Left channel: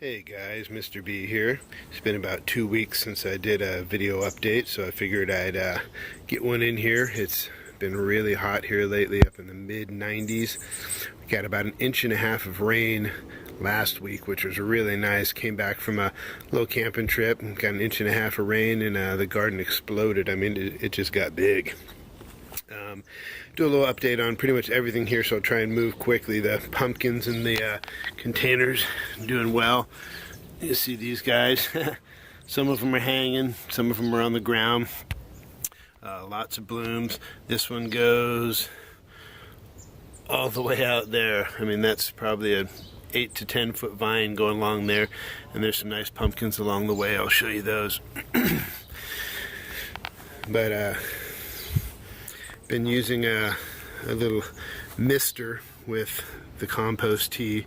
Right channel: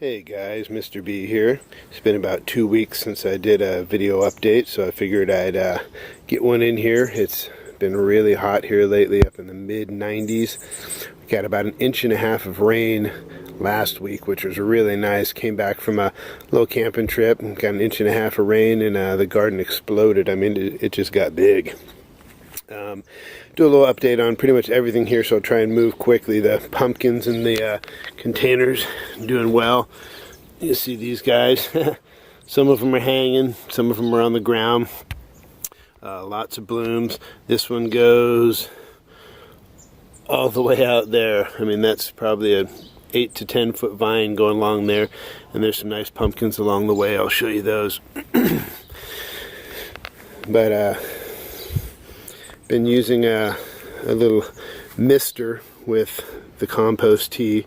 Hey guys, Mr. B here. It's been about 2 weeks since I did a video update, so I figured I'd get one in here. It's been really hot here lately, up in the mid-90s. We got about 1.5 inches of rain last week, which was really nice. Came back from a little camping trip and got 1.5 inches of rain, and the garden exploded. I mean, it just got big. Do a little update on pretty much everything here, so I'll try and move quickly. The pumpkins in the containers doing well. You see these guys. Some of them are hanging, some of them are on the ground. Lots of blooms. This one goes all the way out there. I mean, that's probably a 8 to 10 foot vine going along there, and there's some nice pumpkins along the way. I'll show you those. But been using a little mister with the compost tea,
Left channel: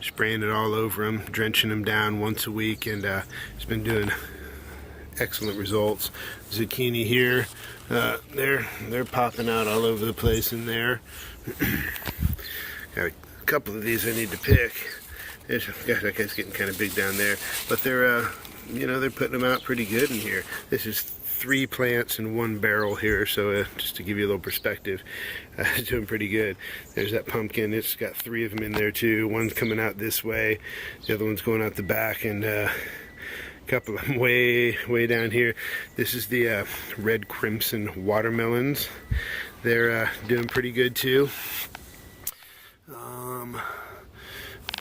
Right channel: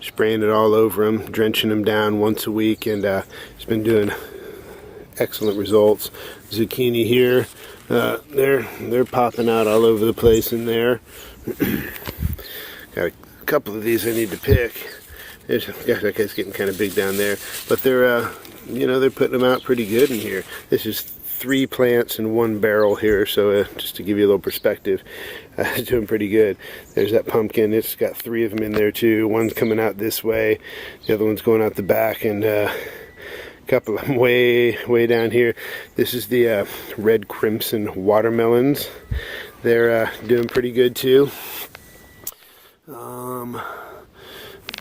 spraying it all over them, drenching them down once a week, and it's been doing excellent results. Zucchini here, they're popping out all over the place in there. Got a couple of these I need to pick. Gosh, that guy's getting kind of big down there, but they're they're putting them out pretty good in here. This is 3 plants in 1 barrel here, so just to give you a little perspective, it's doing pretty good. There's that pumpkin. It's got 3 of them in there too. One's coming out this way, the other one's going out the back, and a couple of them way down here. This is the red crimson watermelons. They're doing pretty good too.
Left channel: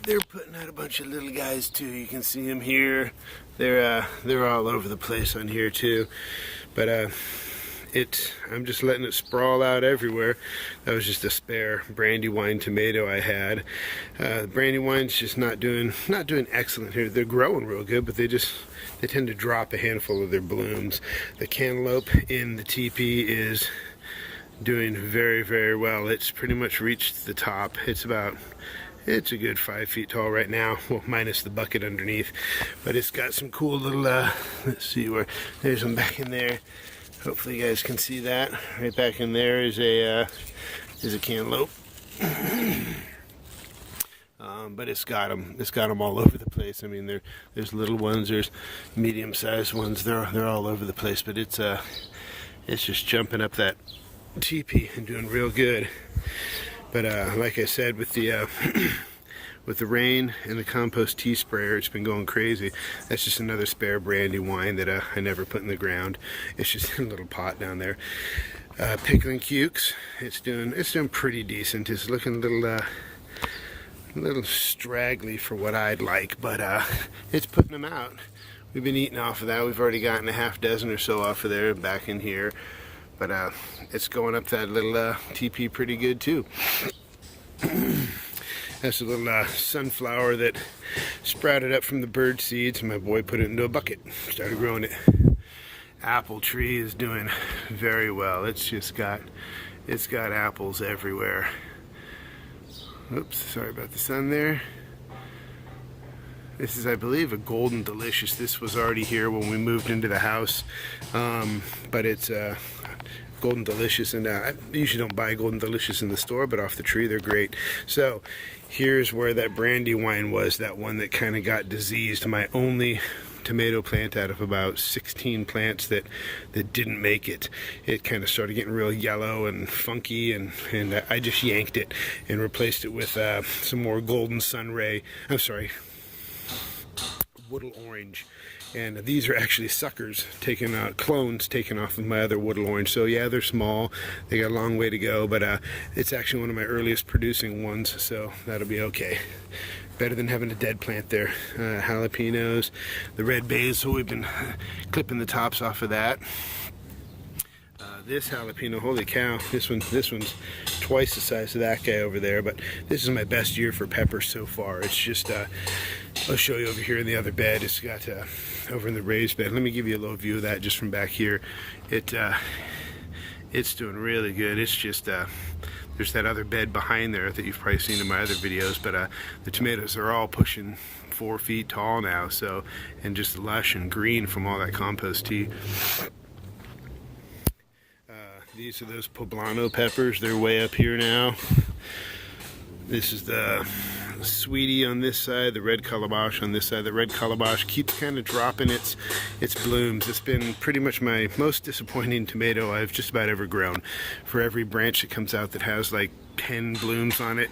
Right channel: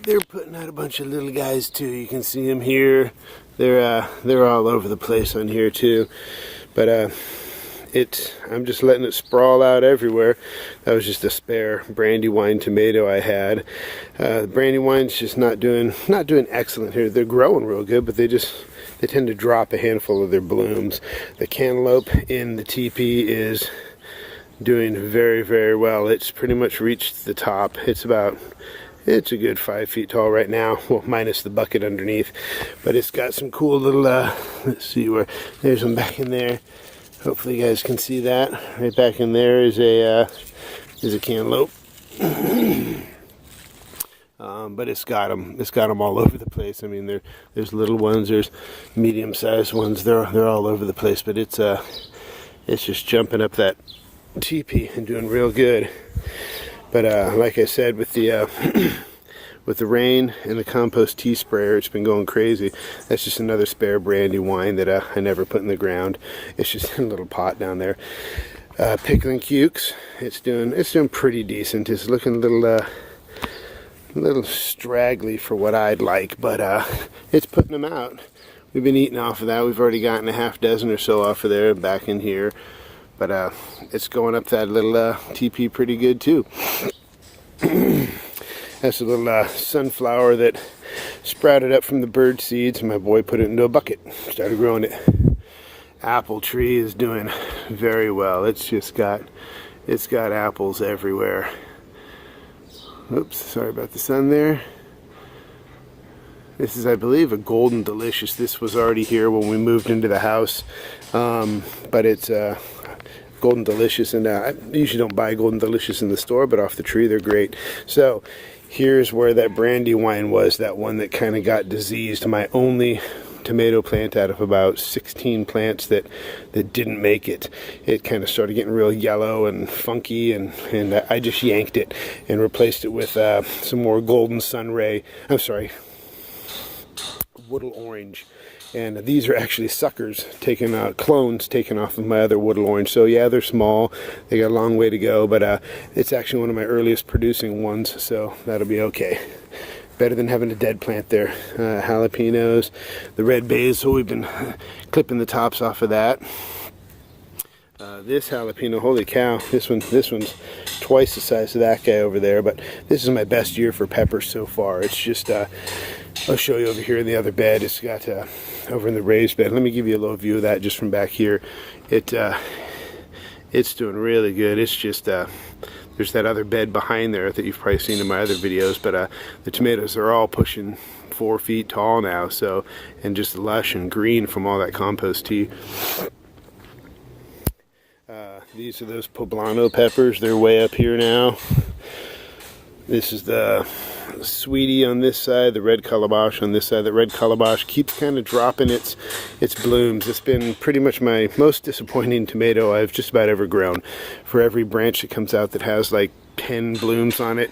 They're putting out a bunch of little guys too. You can see them here. They're all over the place on here too. But I'm just letting it sprawl out everywhere. That was just a spare brandywine tomato I had. Brandywine's just not doing excellent here. They're growing real good, but they tend to drop a handful of their blooms. The cantaloupe in the teepee is doing very, very well. It's pretty much reached the top. It's a good 5 feet tall right now, well, minus the bucket underneath. But it's got some cool little, let's see where, there's one back in there. Hopefully you guys can see that. Right back in there is a cantaloupe. But it's got them all over the place. I mean, there's little ones, there's medium-sized ones. They're all over the place. But it's just jumping up that teepee and doing real good. But like I said, with the with the rain and the compost tea sprayer, it's been going crazy. That's just another spare brandywine that I never put in the ground. It's just in a little pot down there. Pickling cukes, it's doing pretty decent. It's looking a little straggly for what I'd like, but it's putting them out. We've been eating off of that. We've already gotten a half dozen or so off of there, back in here. But it's going up that little teepee pretty good too. That's a little sunflower that sprouted up from the bird seeds. My boy put it into a bucket, started growing it. Apple tree is doing very well. It's got apples everywhere. Oops, sorry about the sun there. This is, I believe, a Golden Delicious. This was already here when we moved into the house, but it's Golden Delicious, and I usually don't buy Golden Delicious in the store, but off the tree they're great. So here's where that brandywine was, that one that kind of got diseased. My only tomato plant out of about 16 plants that didn't make it. It kind of started getting real yellow and funky, and I just yanked it and replaced it with some more golden sunray. I'm sorry, Woodle Orange. And these are actually suckers, clones taken off of my other Woodle Orange. So yeah, they're small. They got a long way to go, but it's actually one of my earliest producing ones, so that'll be okay. Better than having a dead plant there. Jalapenos, the red basil, we've been clipping the tops off of that. This jalapeno, holy cow, this one's twice the size of that guy over there, but this is my best year for peppers so far. It's just, I'll show you over here in the other bed. It's got, over in the raised bed. Let me give you a little view of that just from back here. It's doing really good. It's just, there's that other bed behind there that you've probably seen in my other videos, but the tomatoes are all pushing 4 feet tall now, so, and just lush and green from all that compost tea. These are those poblano peppers. They're way up here now. This is the sweetie on this side, the red calabash on this side. The red calabash keeps kind of dropping its blooms. It's been pretty much my most disappointing tomato I've just about ever grown. For every branch that comes out that has like 10 blooms on it,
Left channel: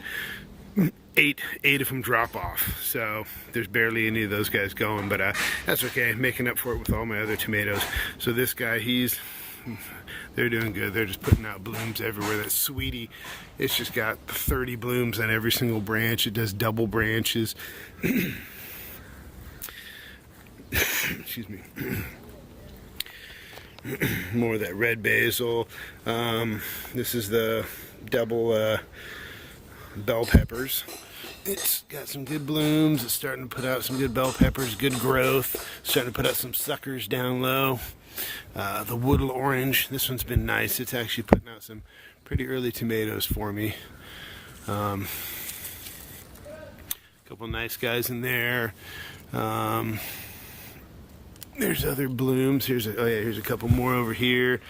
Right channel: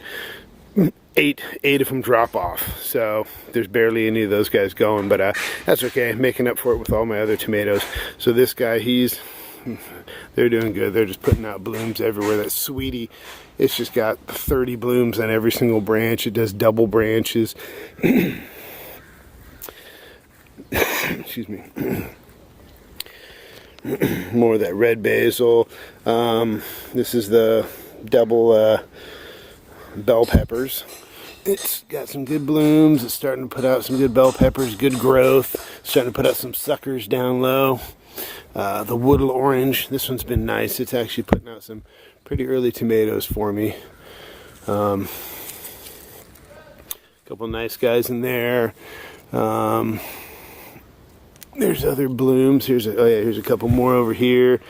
eight of them drop off. So there's barely any of those guys going, but that's okay. I'm making up for it with all my other tomatoes. So this guy, they're doing good. They're just putting out blooms everywhere. That sweetie, it's just got 30 blooms on every single branch. It does double branches. Excuse me. More of that red basil. This is the double bell peppers. It's got some good blooms. It's starting to put out some good bell peppers, good growth. Starting to put out some suckers down low. The woodle orange, this one's been nice. It's actually putting out some pretty early tomatoes for me. A couple nice guys in there. There's other blooms. Here's a couple more over here.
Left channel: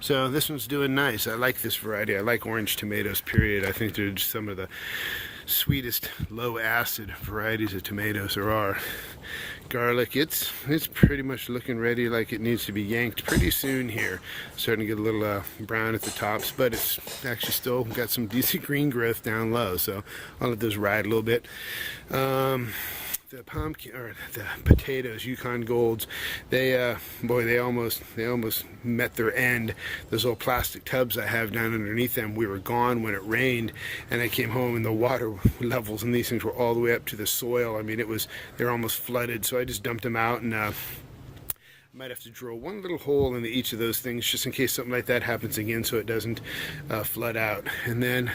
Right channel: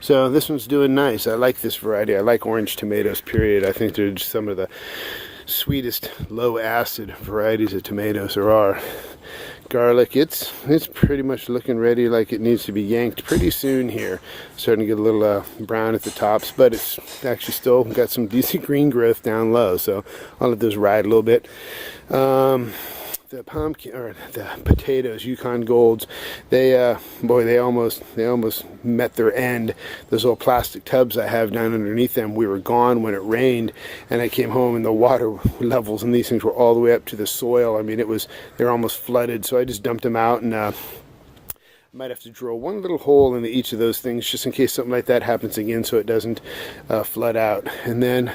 So this one's doing nice. I like this variety. I like orange tomatoes, period. I think they're just some of the sweetest low acid varieties of tomatoes there are. Garlic, it's pretty much looking ready, like it needs to be yanked pretty soon here. Starting to get a little brown at the tops, but it's actually still got some decent green growth down low, so I'll let those ride a little bit. The pumpkin, or the potatoes, Yukon Golds, they almost met their end. Those little plastic tubs I have down underneath them, we were gone when it rained, and I came home and the water levels in these things were all the way up to the soil. I mean, they were almost flooded, so I just dumped them out, and I might have to drill one little hole into each of those things just in case something like that happens again, so it doesn't flood out. And then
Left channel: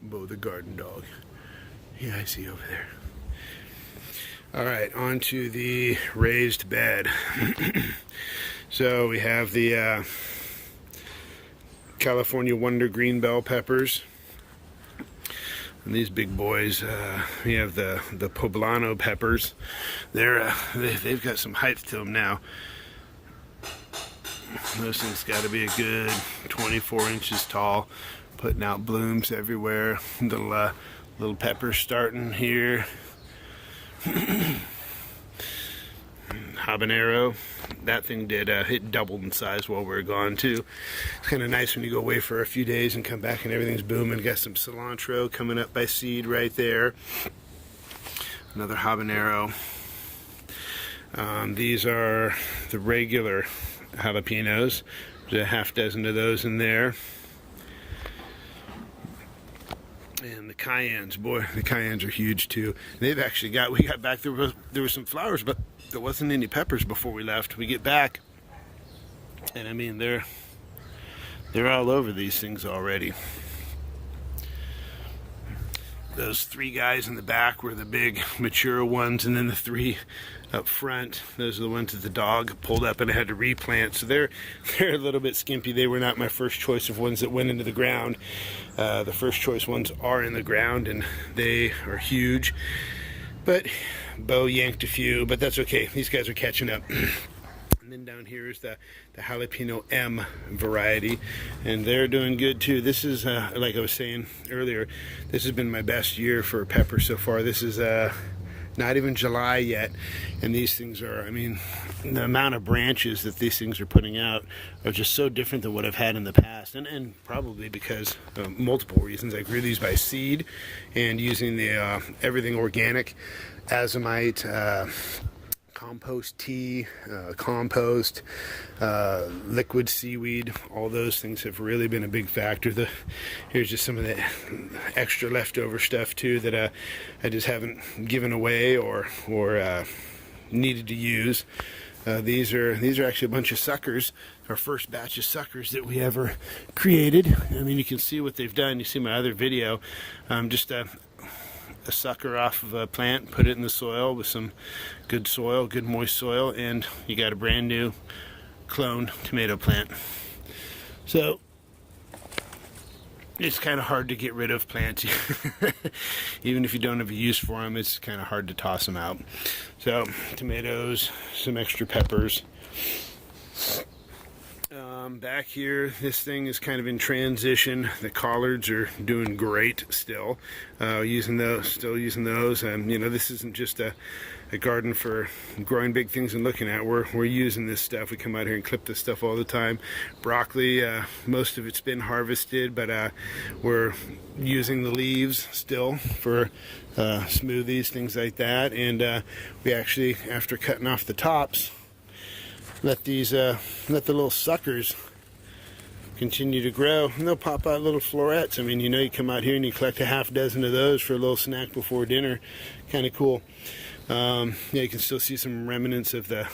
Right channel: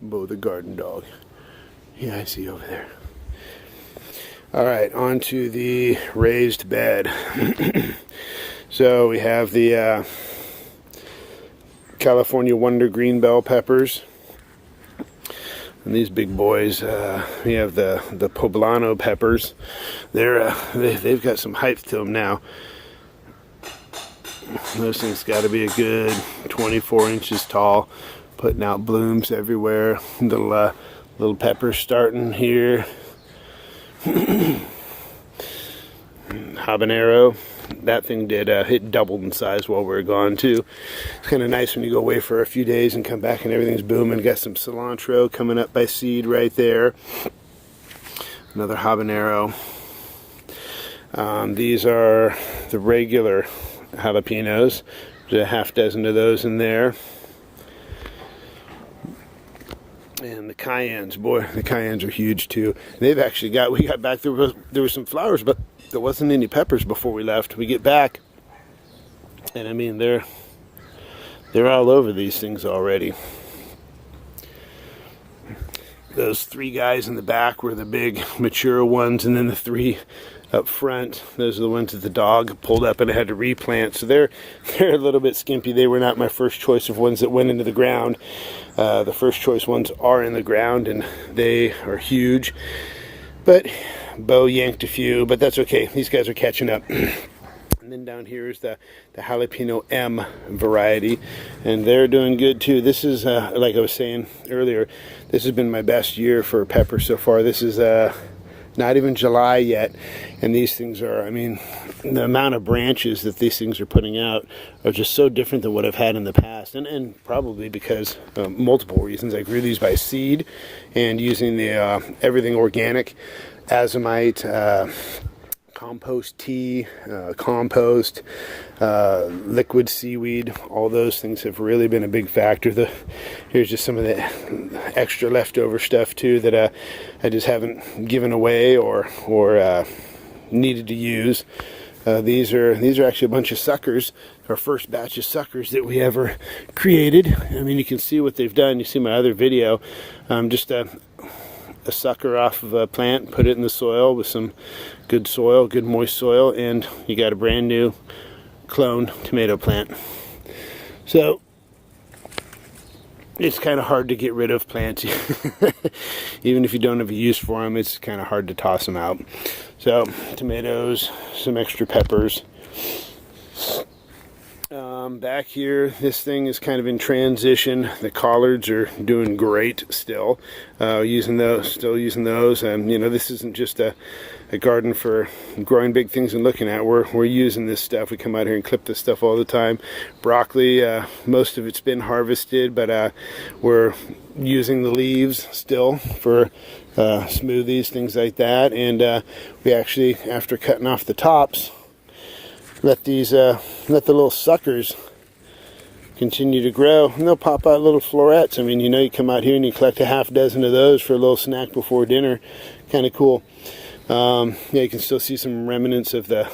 Bo the garden dog. Yeah, I see over there. All right, on to the raised bed. So we have the California Wonder green bell peppers. And these big boys, we have the poblano peppers. They've got some height to them now. Those things got to be a good 24 inches tall, putting out blooms everywhere. Little peppers starting here. Habanero, that thing it doubled in size while we were gone too. It's kind of nice when you go away for a few days and come back and everything's booming. Got some cilantro coming up by seed right there. Another habanero. These are the regular jalapenos. There's a half dozen of those in there. And the cayennes, boy, the cayennes are huge too. They've actually we got back, there were some flowers, but there wasn't any peppers before we left. We get back, and I mean, they're all over these things already. Those three guys in the back were the big mature ones, and then the three up front, those are the ones that the dog pulled up and I had to replant. So they're a little bit skimpy. They were not my first choice of ones that went into the ground. The first choice ones are in the ground, and they are huge. But Bo yanked a few, but that's okay. These guys are catching up. And then down here is the jalapeno M variety, and they're doing good too. This is, like I was saying earlier, this has been my best year for pepper so far. This is not even July yet, and these things are, I mean, the amount of branches that these things are putting out are just so different than what I've had in the past, and probably because multiple reasons. I grew these by seed and using the everything organic, azomite, compost tea, compost, liquid seaweed. All those things have really been a big factor. Here's just some of the extra leftover stuff too that I just haven't given away or needed to use. These are actually a bunch of suckers, our first batch of suckers that we ever created. I mean, you can see what they've done. You see my other video, just a sucker off of a plant, put it in the soil with some good soil, good moist soil, and you got a brand new clone tomato plant. So it's kind of hard to get rid of plants. Even if you don't have a use for them, it's kind of hard to toss them out. So tomatoes, some extra peppers. Back here, this thing is kind of in transition. The collards are doing great still. Still using those. And you know, this isn't just a garden for growing big things and looking at. We're using this stuff. We come out here and clip this stuff all the time. Broccoli, most of it's been harvested, but we're using the leaves still for smoothies, things like that. And we actually, after cutting off the tops, let the little suckers continue to grow, and they'll pop out little florets. I mean, you know, you come out here and you collect a half dozen of those for a little snack before dinner. Kind of cool. Yeah, you can still see some remnants of the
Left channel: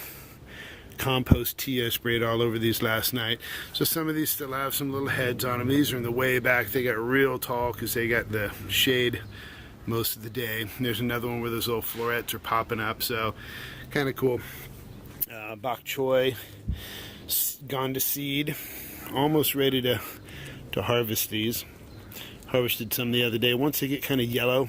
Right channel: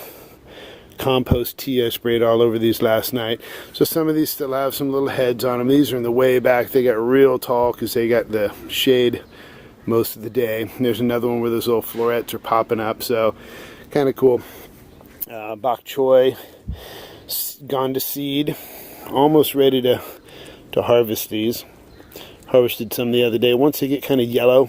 compost tea I sprayed all over these last night. So some of these still have some little heads on them. These are in the way back. They got real tall because they got the shade most of the day. And there's another one where those little florets are popping up. So kind of cool. Bok choy, gone to seed, almost ready to harvest these. Harvested some the other day. Once they get kind of yellow,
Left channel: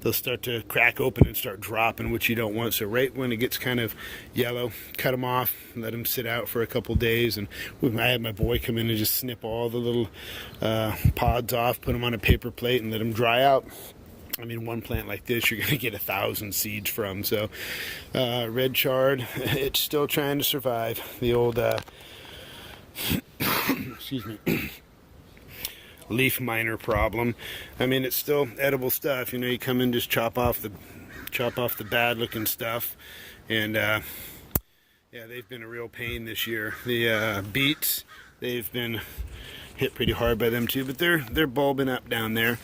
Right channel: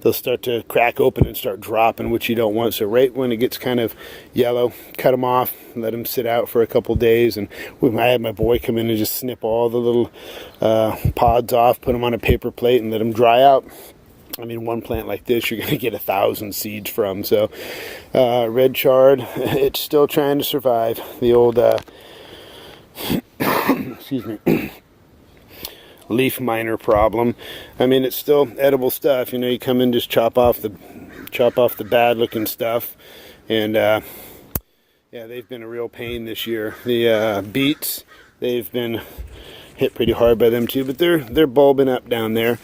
they'll start to crack open and start dropping, which you don't want. So right when it gets kind of yellow, cut them off, let them sit out for a couple days. And I had my boy come in and just snip all the little pods off, put them on a paper plate, and let them dry out. I mean, one plant like this, you're going to get 1,000 seeds from. So, red chard, it's still trying to survive. The old, excuse me, leaf miner problem. I mean, it's still edible stuff. You know, you come in, just chop off the bad looking stuff. And, yeah, they've been a real pain this year. The beets, they've been hit pretty hard by them too, but they're bulbing up down there.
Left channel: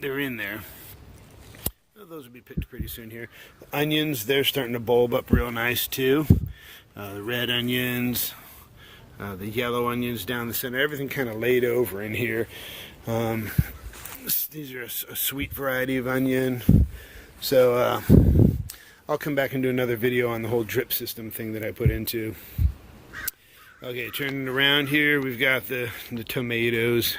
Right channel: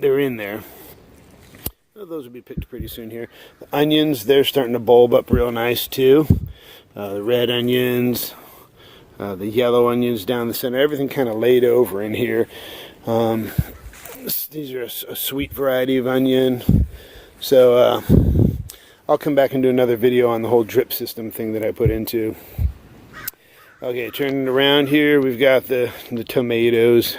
They're in there. Well, those will be picked pretty soon here. The onions, they're starting to bulb up real nice too. The red onions, the yellow onions down the center, everything kind of laid over in here. These are a sweet variety of onion. So I'll come back and do another video on the whole drip system thing that I put into. Okay, turning around here, we've got the tomatoes.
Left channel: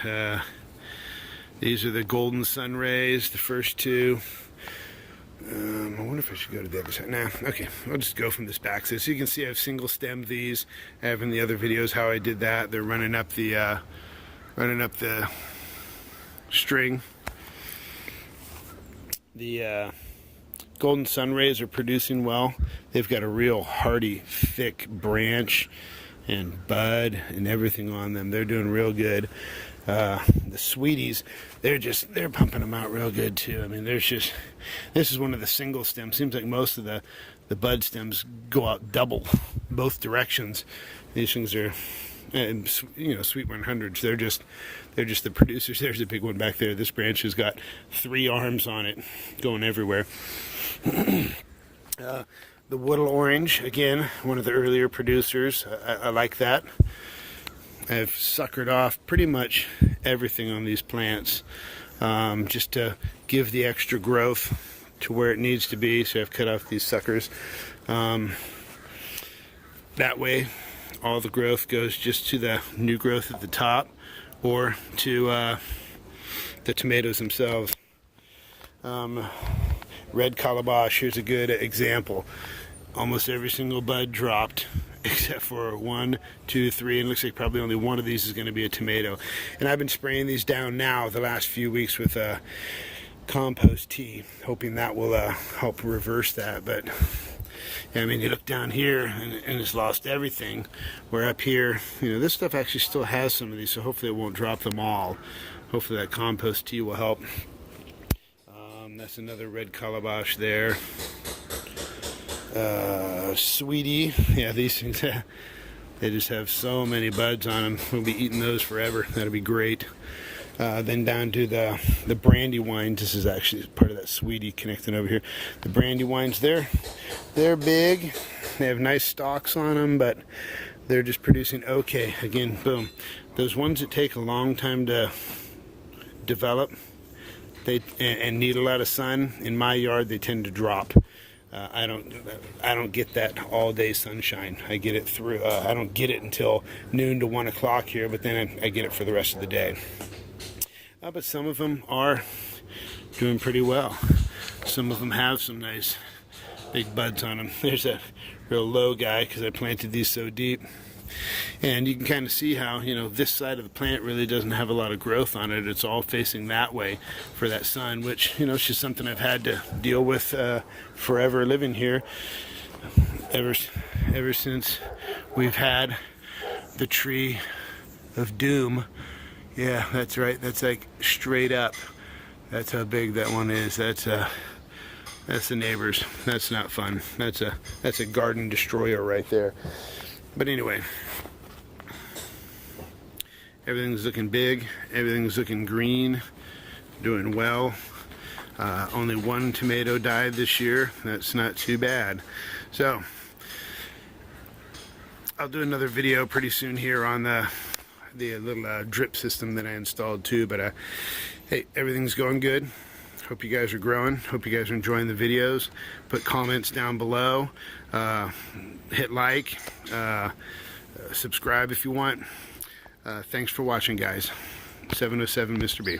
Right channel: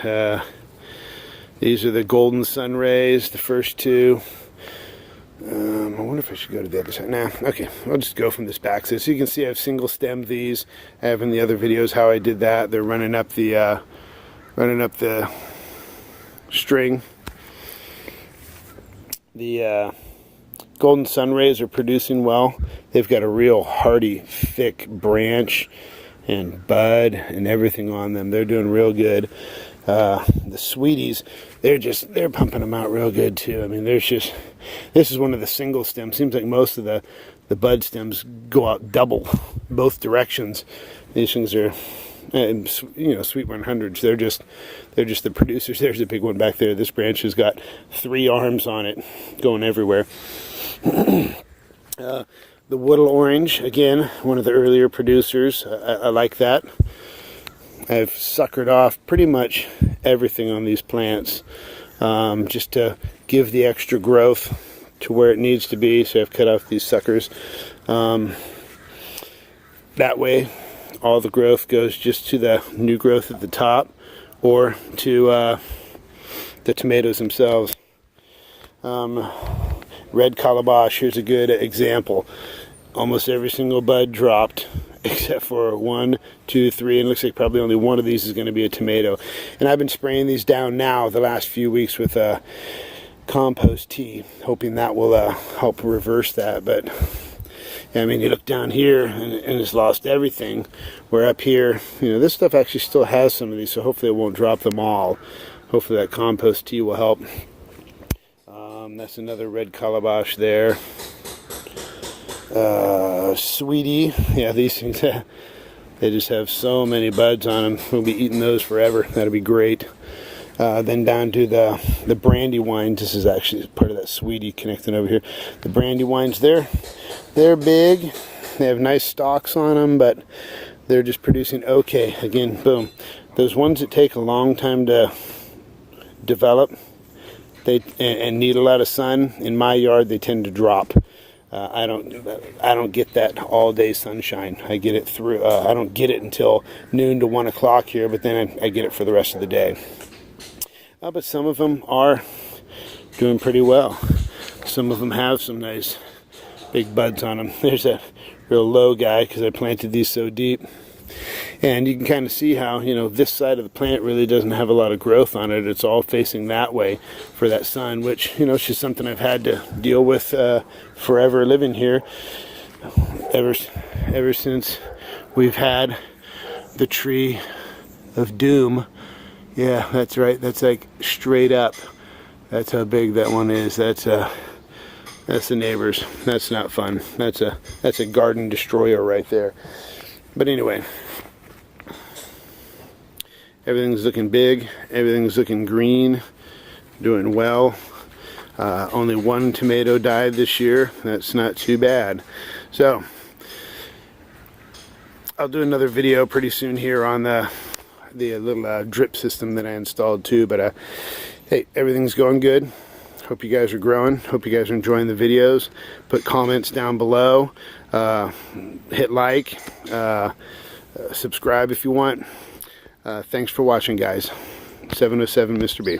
These are the golden sun rays, the first two. I wonder if I should go to the other side. Nah, okay, I'll just go from this back. So you can see I've single stemmed these. I have in the other videos how I did that. They're running up the string. The golden sun rays are producing well. They've got a real hardy, thick branch and bud and everything on them. They're doing real good. The sweeties, they're pumping them out real good too. I mean, this is one of the single stems. Seems like most of the bud stems go out double, both directions. These things are, you know, Sweet 100s. They're just the producers. There's a big one back there. This branch has got 3 arms on it, going everywhere. The Woodle Orange, again, one of the earlier producers. I like that. I've suckered off pretty much everything on these plants just to give the extra growth to where it needs to be. So I've cut off these suckers. That way all the growth goes just to the new growth at the top or to the tomatoes themselves. Red calabash, here's a good example. Almost every single bud dropped except for 1, 2, 3, and it looks like probably only one of these is going to be a tomato. And I've been spraying these down now the last few weeks with compost tea, hoping that will help reverse that. But I mean, you look down here and it's lost everything. Where up here, you know, this stuff actually still has some of these, so hopefully it won't drop them all. Hopefully that compost tea will help. That's another red calabash there. Sweetie, yeah, these things, they just have so many buds on them. We'll be eating those forever. That'll be great. Then down to the brandywines. This is actually part of that sweetie connecting over here. The brandywines, they're big. They have nice stalks on them, but they're just producing okay. Again, boom. Those ones that take a long time to develop, and need a lot of sun, in my yard, they tend to drop. I don't get that all day sunshine. I get it through. I don't get it until noon to 1 o'clock here, but then I get it for the rest of the day. But some of them are doing pretty well. Some of them have some nice big buds on them. There's a real low guy because I planted these so deep. And you can kind of see how, you know, this side of the plant really doesn't have a lot of growth on it. It's all facing that way for that sun, which, you know, it's just something I've had to deal with forever living here. Ever since we've had the tree of doom. Yeah, that's right. That's like straight up. That's how big that one is. That's the neighbors. That's not fun. That's a garden destroyer right there. But anyway, everything's looking big. Everything's looking green. Doing well. Only one tomato died this year. That's not too bad. So I'll do another video pretty soon here on the little drip system that I installed too. But hey, everything's going good. Hope you guys are growing. Hope you guys are enjoying the videos. Put comments down below. Hit like. Subscribe if you want. Thanks for watching, guys. 707 Mr. B.